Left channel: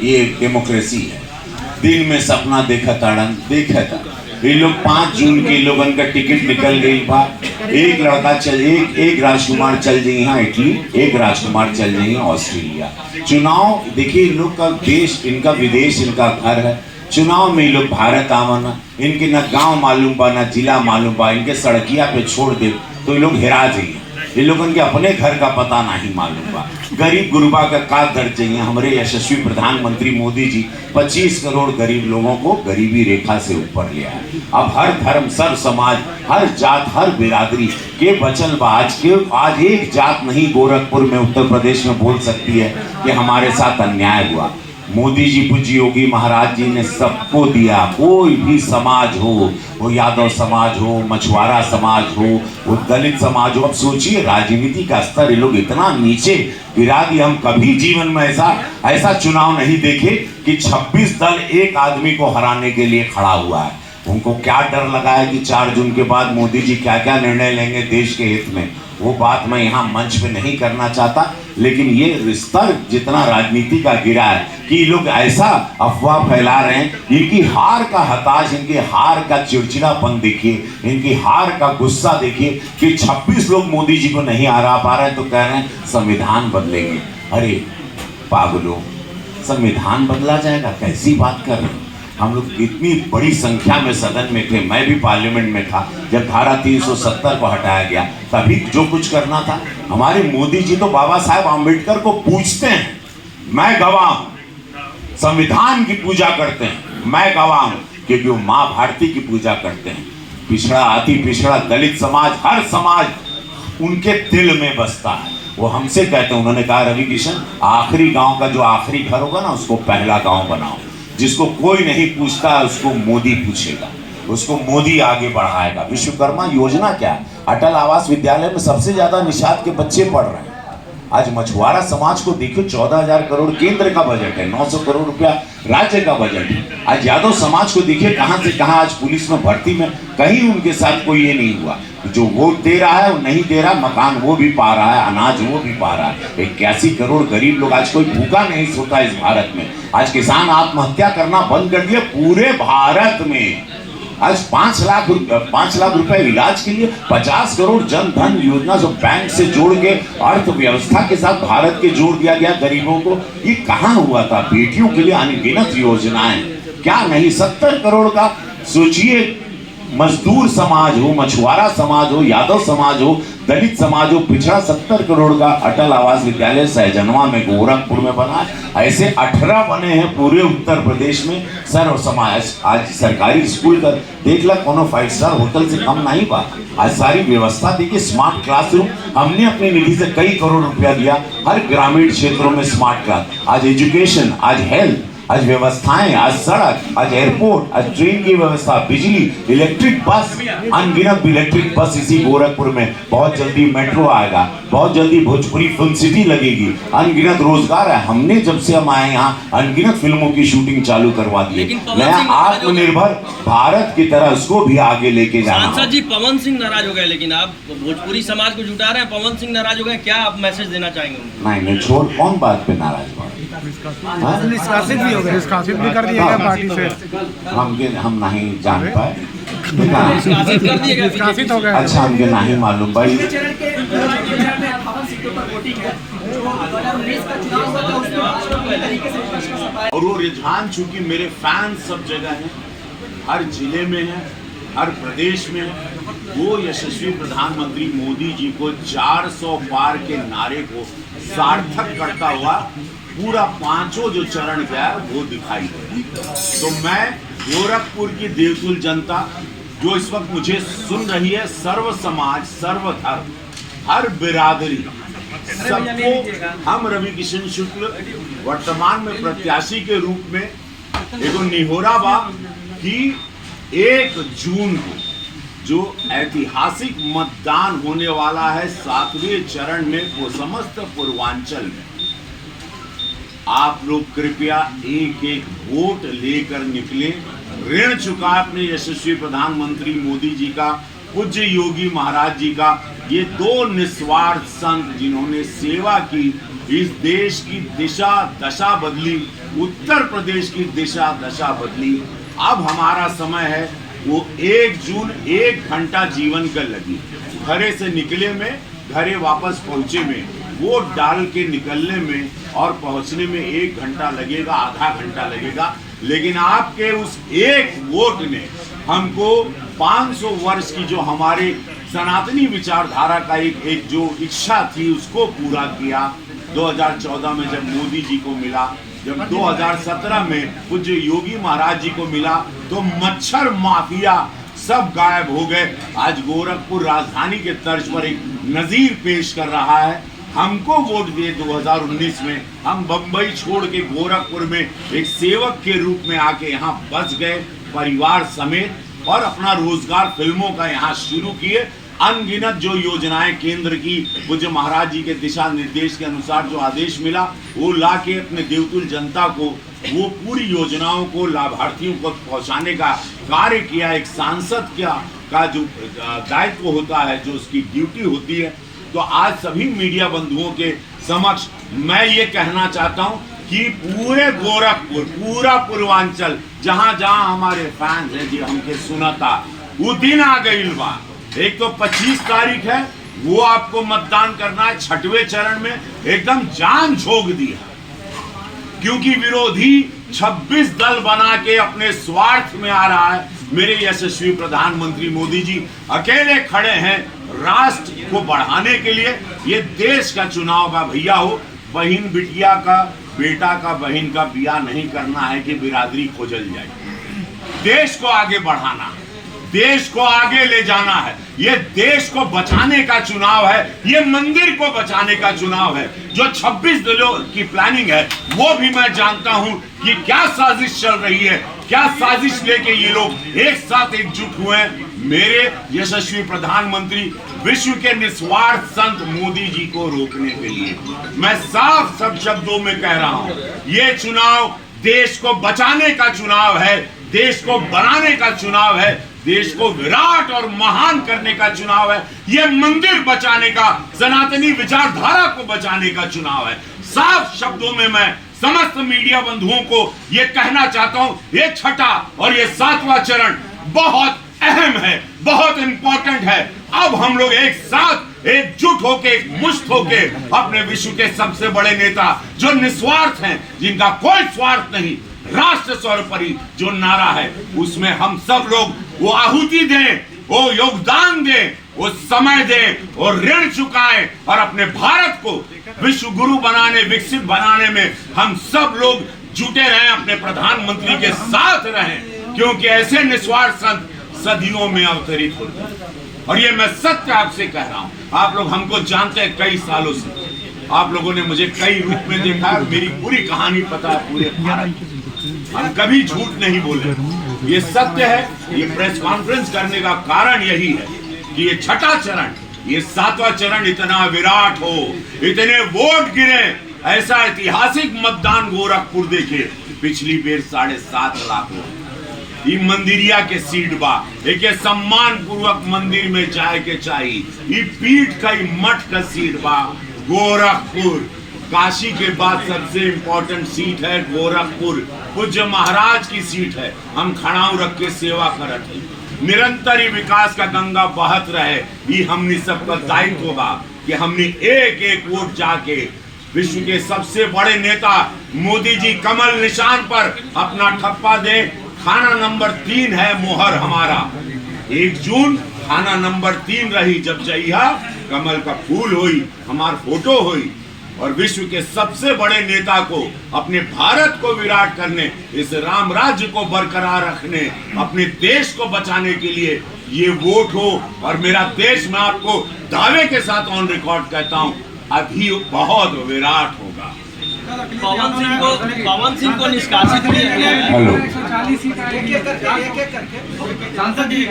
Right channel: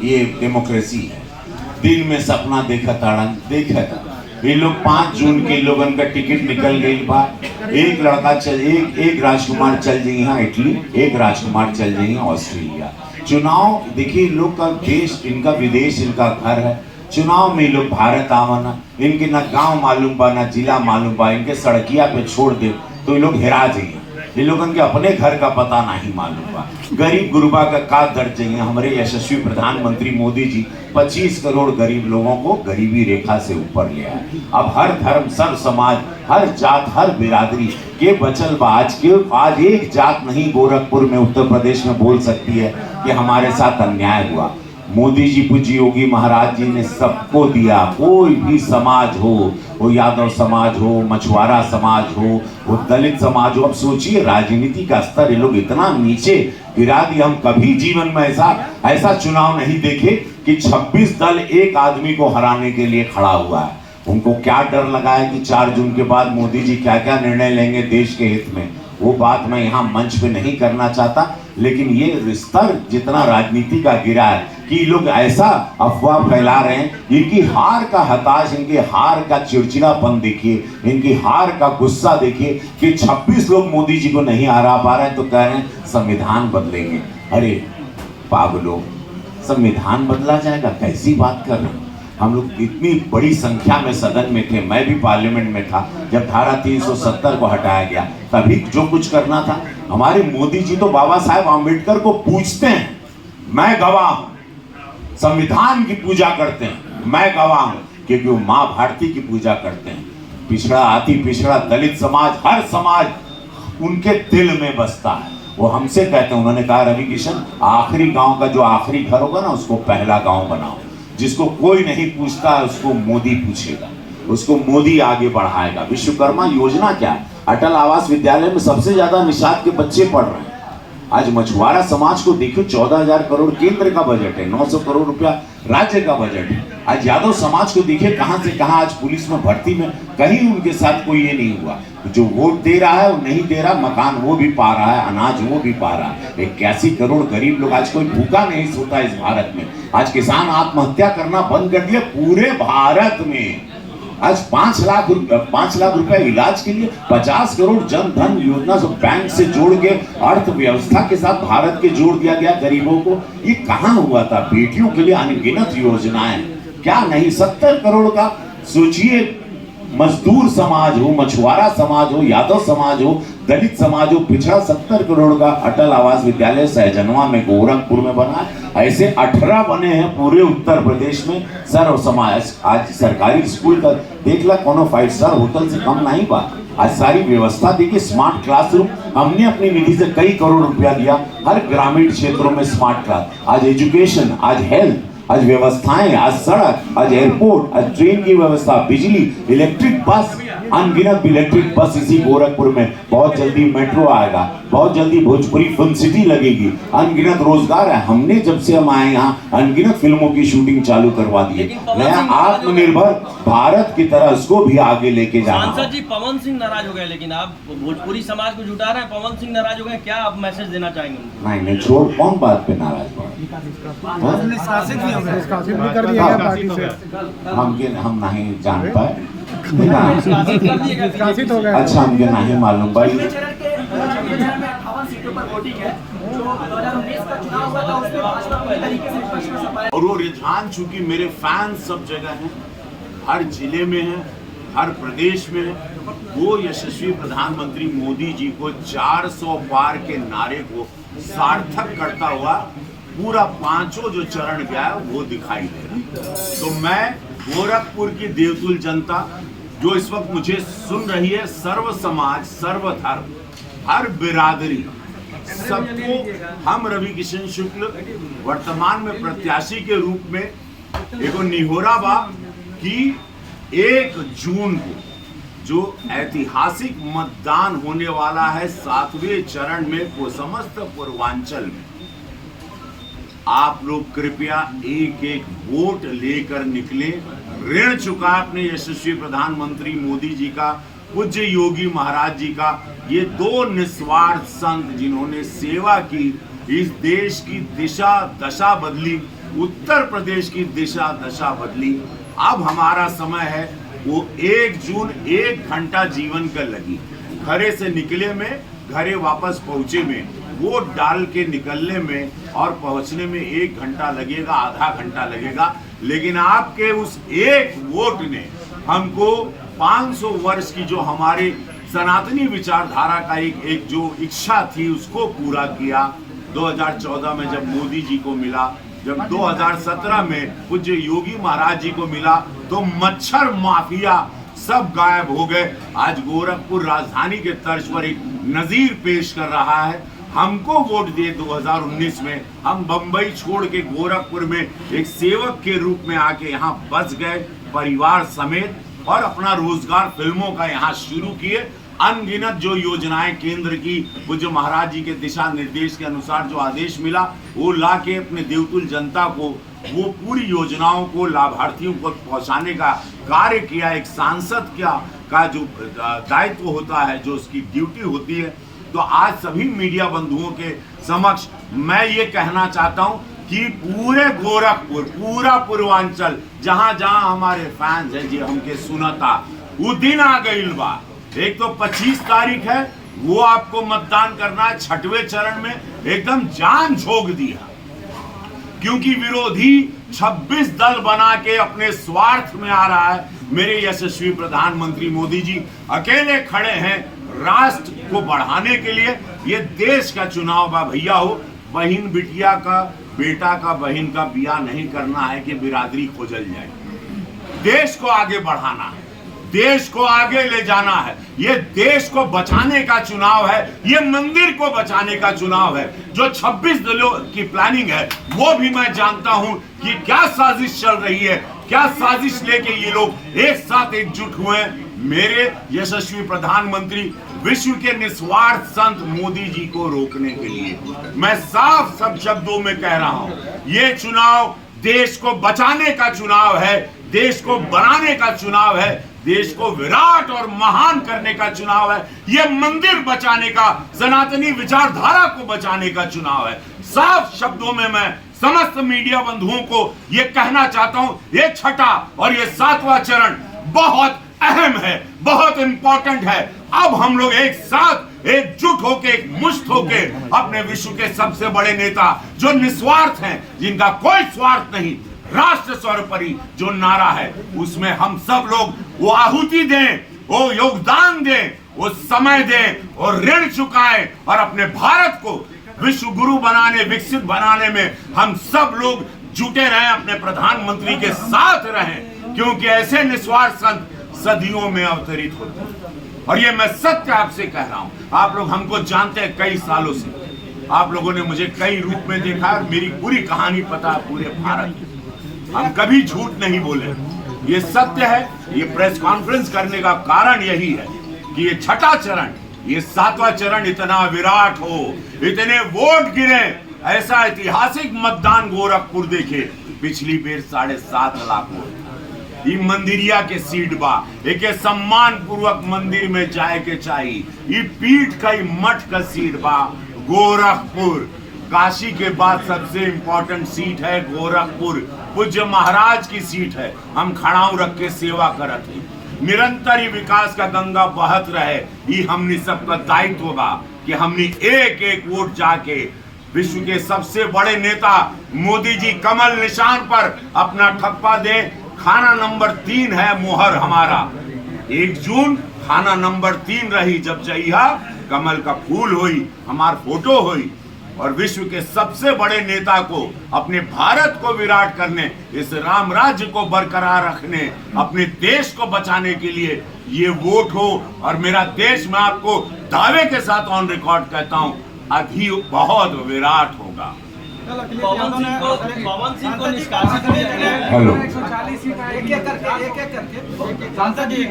ये डेमोक्रेसी है। दिल में सपना देखा ताड़न देखा था। ये लोग 5 जून के लोगन का टिकट निकल गई बा। एक लड़का चल एक राजकुमार चल जाई यहाँ इटली, एक राजकुमार चल जाई ऑस्ट्रेलिया। चुनाव देखिए, इन लोग का देश, इनका विदेश, इनका घर है। चुनाव में ये लोग भारत आवन, इनके ना गांव मालूम बा ना जिला मालूम बा, इनके सड़किया पे छोड़ दे तो ये लोग हेरा जाइए। ये लोगन के अपने घर का पता नहीं मालूम बा। गरीब गुरबा का दर्द चाहिए। हमारे यशस्वी प्रधानमंत्री मोदी जी 25 करोड़ गरीब लोगों को गरीबी रेखा से ऊपर ले आए। अब हर धर्म, सब समाज, हर जात, हर बिरादरी के बचल बाज के आज एक जात नहीं गोरखपुर में, उत्तर प्रदेश में बोल सकती है कि हमारे साथ अन्याय हुआ। मोदी जी, पूज्य योगी महाराज जी ने सबको दिया। कोई भी समाज हो, वो यादव समाज हो, मछुआरा समाज हो, वो दलित समाज हो। अब सोचिए, राजनीति का स्तर ये लोग इतना नीचे गिरा दिया। हम कभी जीवन में ऐसा चुनाव नहीं देखे कि 26 दल एक आदमी को हराने के लिए खड़ा हुआ है। उनको क्या डर लगा है कि 4 जून के बाद मोदी जी क्या क्या निर्णय लेंगे देश के हित में, वो बात मैं यहाँ मंच पे नहीं करना चाहता। लेकिन ये स्तर जितना राजनीति का गिरा है कि लोग ऐसा अफवाह फैला रहे हैं। इनकी हार का हताश, इनकी हार का चिड़चिड़ापन देखिए, इनकी हार का गुस्सा देखिए कि 26 लोग मोदी जी को नहीं हरा पा रहे हैं तो कह रहे हैं संविधान बदलेंगे। अरे पागलों, संविधान बदला जाएगा? कैसी बात कर रहे हैं? हम लोग इतनी बड़ी संख्या में सदन में थे, मैं भी पार्लियामेंट में था जब धारा 370 को हटाया गया, तभी जो कुछ करना था। हमारे मोदी जी तो बाबा साहेब आम्बेडकर को पूजते हैं, मैं गवाह हूं। संविधान की पूजा करते हैं, मैं गवाह हूं, क्योंकि वो मां भारती की पूजा करते हैं। पिछड़ा, अति पिछड़ा, दलित समाज, हर समाज उनके दिल में बसता है। वो हमसे कहते हैं, उन्होंने कहा रवि किशन, आखिरी गांव का जो आखिरी घर होगा ना, उसको पहला गांव बनाओ। जिसको कोई नहीं पूछता उसको मोदी पूछेगा, उसको मोदी आगे बढ़ाएगा। विश्वकर्मा योजना क्या, अटल आवास विद्यालय में सबसे ज्यादा निषाद के बच्चे पढ़ रहे हैं। आज मछुआरा समाज को देखो, 14,000 करोड़ केंद्र का बजट है, 900 करोड़ रुपया राज्य का बजट है। आज यादव समाज को देखिए कहां से कहां, आज पुलिस में भर्ती में कहीं उनके साथ कोई ये नहीं हुआ। जो वोट दे रहा है वो नहीं दे रहा, मकान वो भी पा रहा है, अनाज वो भी पा रहा है। 81 करोड़ गरीब लोग, आज कोई भूखा नहीं सोता इस भारत में। आज किसान आत्महत्या करना बंद कर दिया पूरे भारत में। आज 5 लाख रुपए इलाज के लिए, 50 करोड़ जन धन योजना जो बैंक से जोड़ के अर्थव्यवस्था के साथ भारत के जोड़ दिया गया गरीबों को। ये कहां हुआ था? बेटियों के लिए अनगिनत योजनाएं, क्या नहीं, 70 करोड़ का। सोचिए, मजदूर समाज हो, मछुआरा समाज हो, यादव समाज हो, दलित समाज हो, पिछड़ा 70 करोड़ का अटल आवास विद्यालय सहजनवा में, गोरखपुर में बना। ऐसे 18 बने हैं पूरे उत्तर प्रदेश में। सर्व समाज, आज सरकारी स्कूल का देख ला, कोनो 5 स्टार होटल से कम नहीं बा। आज सारी व्यवस्था देखिए, स्मार्ट क्लासरूम हमने अपनी निधि से कई करोड़ रुपया दिया हर ग्रामीण क्षेत्रों में स्मार्ट क्लास। आज एजुकेशन, आज हेल्थ, आज व्यवस्थाएं, आज सड़क, आज एयरपोर्ट, आज ट्रेन की व्यवस्था, बिजली, इलेक्ट्रिक बस, अनगिनत इलेक्ट्रिक बस इसी गोरखपुर में। बहुत जल्दी मेट्रो आएगा, बहुत जल्दी भोजपुरी फिल्म सिटी लगेगी, अनगिनत रोजगार है। हमने जब से हम आए यहाँ अनगिनत फिल्मों की शूटिंग चालू करवा दी है। नया आत्मनिर्भर भारत की तरह उसको भी आगे लेके जाना। सांसद जी पवन सिंह नाराज हो गए, लेकिन आप भोजपुरी समाज को जुटा रहे हैं, पवन सिंह नाराज हो गए, क्या आप मैसेज देना चाहेंगे? नहीं, छोड़, कौन बात पे नाराज पड़ा? निष्कासित भी कर दिया गया पार्टी से। हम नहीं जान पाए, निष्कासित हो गए। अच्छा, हमके नहीं मालूम भाई। और वो रुझान चूंकि मेरे फैंस सब जगह हैं, हर जिले में है, हर प्रदेश में है, वो यशस्वी प्रधानमंत्री मोदी जी को 400 पार के नारे को सार्थक करता हुआ पूरा 5 जो चरण गया है वो दिखाई दे। तो मैं गोरखपुर की देवतुल जनता जो इस वक्त मुझे सुन रही है, सर्व समाज, सर्व धर्म, हर बिरादरी, सबको हम रवि किशन शुक्ल वर्तमान में प्रत्याशी के रूप में एगो निहोरा बा कि 1 जून को जो ऐतिहासिक मतदान होने वाला है 7वें चरण में, वो समस्त पूर्वांचल में, आप लोग कृपया एक वोट लेकर निकले। ऋण चुका अपने यशस्वी प्रधानमंत्री मोदी जी का, पूज्य योगी महाराज जी का, ये 2 निस्वार्थ संत जिन्होंने सेवा की, इस देश की दिशा दशा बदली, उत्तर प्रदेश की दिशा दशा बदली। अब हमारा समय है वो 1 जून 1 घंटा जीवन का लगी, घरे से निकले में, घरे वापस पहुंचे में, वोट डाल के निकलने में और पहुंचने में 1 घंटा लगेगा, आधा घंटा लगेगा। लेकिन आपके उस एक वोट ने हमको 500 वर्ष की जो हमारे सनातनी विचारधारा का एक जो इच्छा थी उसको पूरा किया। 2014 में जब मोदी जी को मिला, जब 2017 में पूज्य योगी महाराज जी को मिला, तो मच्छर माफिया सब गायब हो गए। आज गोरखपुर राजधानी के तर्ज पर एक नजीर पेश कर रहा है। हमको वोट दिए 2019 में, हम बंबई छोड़ के गोरखपुर में एक सेवक के रूप में आके यहाँ बस गए परिवार समेत, और अपना रोजगार फिल्मों का यहाँ शुरू किए। अनगिनत जो योजनाएं केंद्र की पूज्य महाराज जी के दिशा निर्देश के अनुसार जो आदेश मिला, वो ला के अपने देवतुल जनता को वो पूरी योजनाओं को लाभार्थियों को पहुंचाने का कार्य किया। एक सांसद का जो दायित्व होता है, जो उसकी ड्यूटी होती है। तो आज सभी मीडिया बंधुओं के समक्ष मैं ये कहना चाहता हूँ कि पूरे गोरखपुर, पूरा पूर्वांचल, जहां जहां हमारे फैंस हैं जो हमके सुनता, वो दिन आ गई बा। एक तो 25 तारीख है, वो आपको मतदान करना है। 6वें चरण में एकदम जान झोंक दिया, क्योंकि विरोधी 26 दल बना के अपने स्वार्थ में आ रहा है। मेरे यशस्वी प्रधानमंत्री मोदी जी अकेले खड़े हैं राष्ट्र को बढ़ाने के लिए। ये देश का चुनाव बा भैया हो, बहन बिटिया का, बेटा का बहन का बिया नहीं करना है कि बिरादरी खोजल जाए। देश को आगे बढ़ाना है, देश को आगे ले जाना है। ये देश को बचाने का चुनाव है, ये मंदिर को बचाने का चुनाव है। जो 26 दिनों की प्लानिंग है, वो भी मैं जानता हूं कि क्या साजिश चल रही है, क्या साजिश लेके ये लोग एक साथ एकजुट हुए हैं मेरे यशस्वी प्रधानमंत्री विश्व के निस्वार्थ संत मोदी जी को रोकने के लिए। मैं साफ सब शब्दों में कह रहा हूं, ये चुनाव देश को बचाने का चुनाव है, देश को बनाने का चुनाव है, देश को विराट और महान करने का चुनाव है। ये मंदिर बचाने का, सनातनी विचारधारा को बचाने का चुनाव है। साफ शब्दों में मैं समस्त मीडिया बंधुओं को ये कहना चाहता हूं, ये 6ठा और ये 7वां चरण बहुत अहम है, बहुत इंपॉर्टेंट है। अब हम लोग एक साथ एकजुट होके, एक मुश्त होके अपने विश्व के सबसे बड़े नेता जो निस्वार्थ हैं, जिनका कोई स्वार्थ नहीं, राष्ट्र सर्वोपरि जो नारा है, उसमें हम सब लोग वो आहुति दें, वो योगदान दें, वो समय दें और ऋण चुकाएं, और अपने भारत को विश्व गुरु बनाने, विकसित बनाने में हम सब लोग जुटे रहें, अपने प्रधानमंत्री के साथ रहें, क्योंकि ऐसे निस्वार्थ संत सदियों में अवतरित होते हैं। और ये मैं सत्य आपसे कह रहा हूं। आप लोग हमको जानते हैं कई सालों से, आप लोगों ने मुझे कई रूप में देखा, मेरी पूरी कहानी पता है पूरे भारत की। हम कभी झूठ नहीं बोले, ये सत्य है। ये प्रेस कॉन्फ्रेंस करने का कारण यही है कि ये 6ठा चरण, ये 7वां चरण इतना विराट हो, इतने वोट गिरे, ऐसा ऐतिहासिक मतदान गोरखपुर देखे पिछली बेर 7.5 लाख वोट। ये मंदिरिया के सीट बा, एक सम्मान पूर्वक मंदिर में जाए के चाहिए। ये पीठ का मठ का सीट बा गोरखपुर। काशी के बाद सबसे इंपॉर्टेंट सीट है गोरखपुर, पूज्य महाराज की सीट है। हम खड़ाऊ रख के सेवा करत है, निरंतर ही विकास का गंगा बहत रहे। ये हमने सबका दायित्व बा कि हमने एक एक वोट जाके विश्व के सबसे बड़े नेता मोदी जी कमल निशान पर अपना ठप्पा दे। खाना नंबर 3 है मोहर हमारा। 1 जून खाना नंबर 3 रही, जब जइहा कमल का फूल हुई, हमार फोटो हुई। और विश्व के सबसे बड़े नेता को, अपने भारत को विराट करने, इस राम राज्य को बरकरार रखने, अपने देश को बचाने के लिए ये वोट हो। और मेरा देश, मैं आपको दावे के साथ ऑन रिकॉर्ड कहता हूं, अभी बहुत विराट होगा। पवन सिंह को निष्कासित किया गया है। हेलो, एक एक करके सांसद जी